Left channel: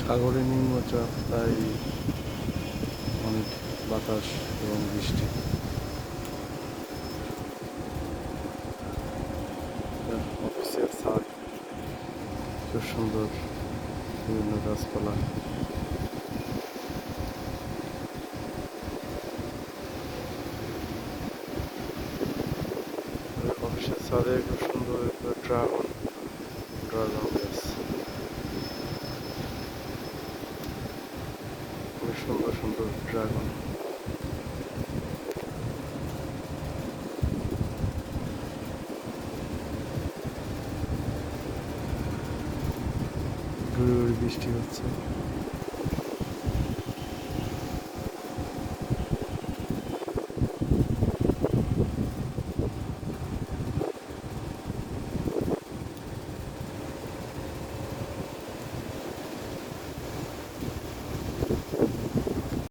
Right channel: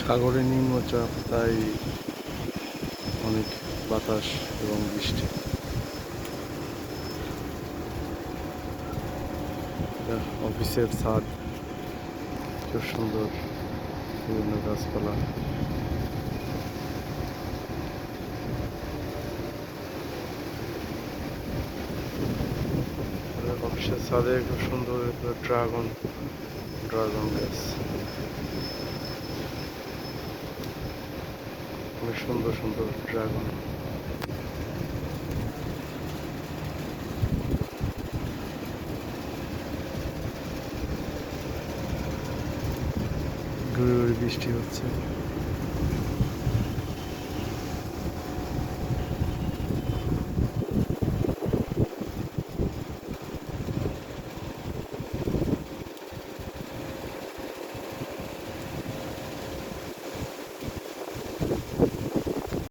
সাগরে নিম্নচাপ, তাই অনেক বাতাস এবং বৃষ্টি। অফিসের ছাদ, খুব সুন্দর বিভিন্ন গাছপালা। অফিসের ছাদে খুব সুন্দর ড্রাগন ড্রাগন গাছ। অনেক সুন্দর সুন্দর ড্রাগন বৃষ্টি হচ্ছে।